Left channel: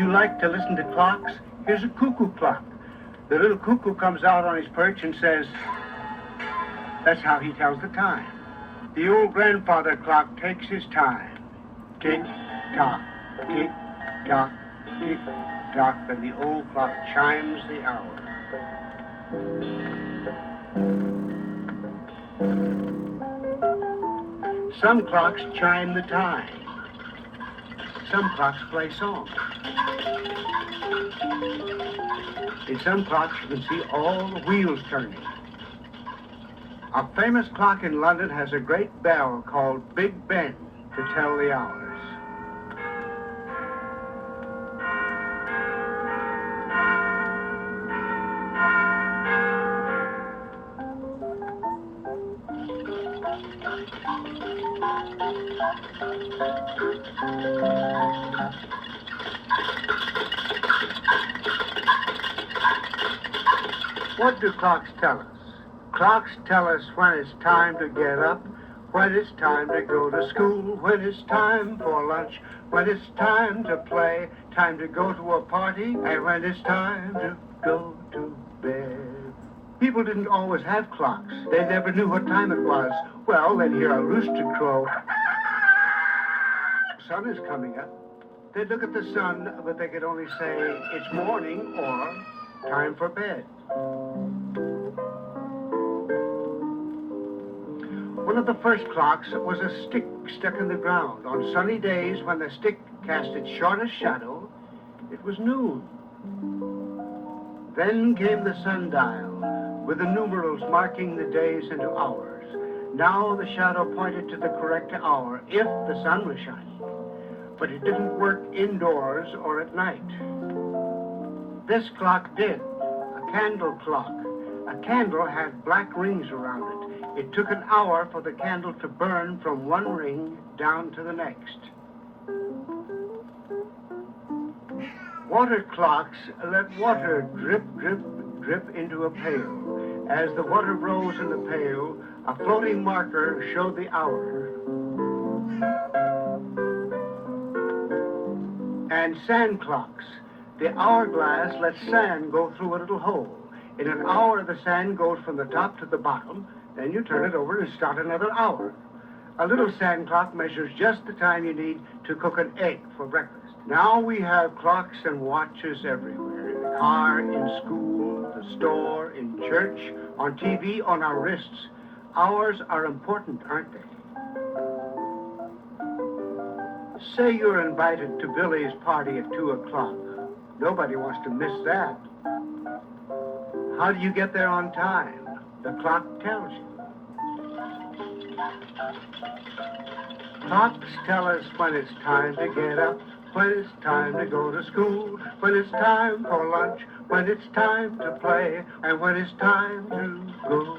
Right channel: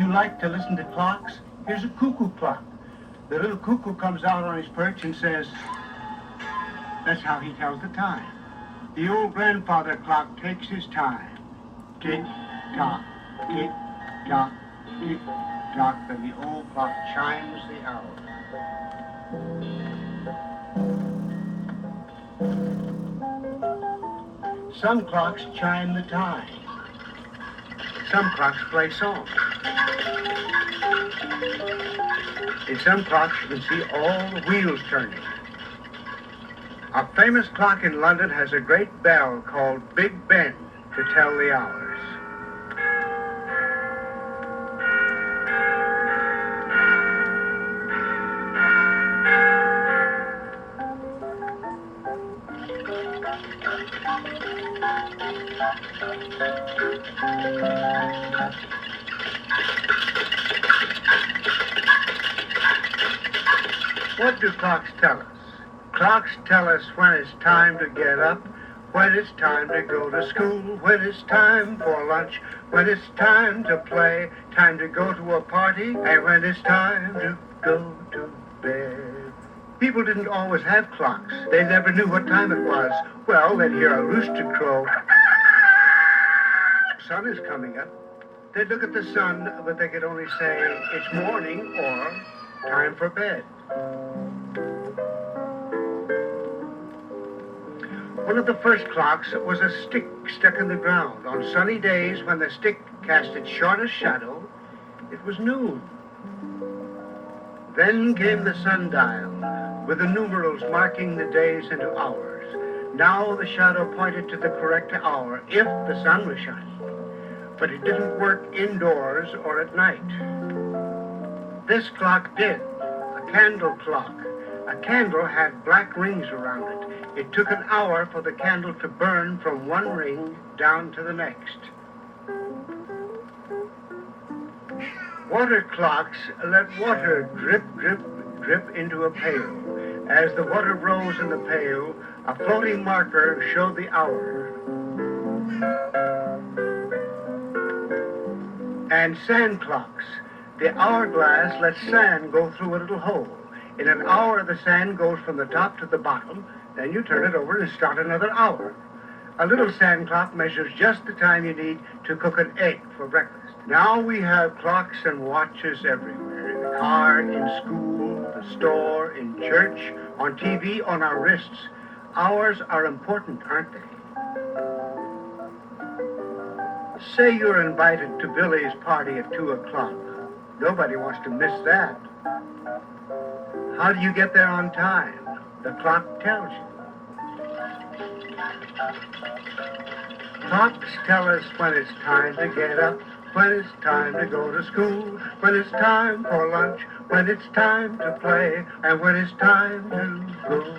You like to listen to clocks? Here's a cuckoo clock. The little cuckoo comes out on his perch and says, that's how he tells the time. The old grandfather clock takes his time. Tick, tock, tick, tock, tick, tock, and the old clock chimes the hour. Some clocks chime the time. Some clocks play songs. In some clocks you can see all the wheels turning. A famous clock in London has a great bell called Big Ben to tell the hours. What do clocks tell us? Clocks tell us when it's time to get up, when it's time to go to school, when it's time for lunch, when it's time to play, time to go to a party, and when it's time to go to bed. People didn't always have clocks. They never knew what time it was. Well, they'd hear a rooster crow. The sun is coming up. They'd look at the sun, but they could only say, it's morning or time for bed. One of the first clocks was a stick stuck in the ground. On sunny days, when the stick cast its shortest shadow, it was noon. Then came the sundial, with the numerals marking the days into hours. Now the shadow pointed to the correct hour, if the sun was shining. But it didn't work indoors or at night. This clock did, a candle clock. A candle had black rings around it. It took an hour for the candle to burn from one ring down to the next. Water clocks let water drip, drip, drip into a pail. As the water rose in the pail, a floating marker showed the hour. And sand clocks. The hourglass lets sand go through a little hole. In an hour, the sand goes from the top to the bottom. Then you turn it over and start another hour. A little sand clock measures just the time you need to cook an egg for breakfast. Now we have clocks and watches everywhere. In the car, in school, the store, in church, on TV, on our wrists. Hours are important, aren't they? Say you're invited to Billy's party at 2 o'clock. Nobody wants to miss that. How do you get there on time? The clock tells you. Clocks tell us when it's time to get up, when it's time to go to school, when it's time for lunch, when it's time to play, and when it's time to go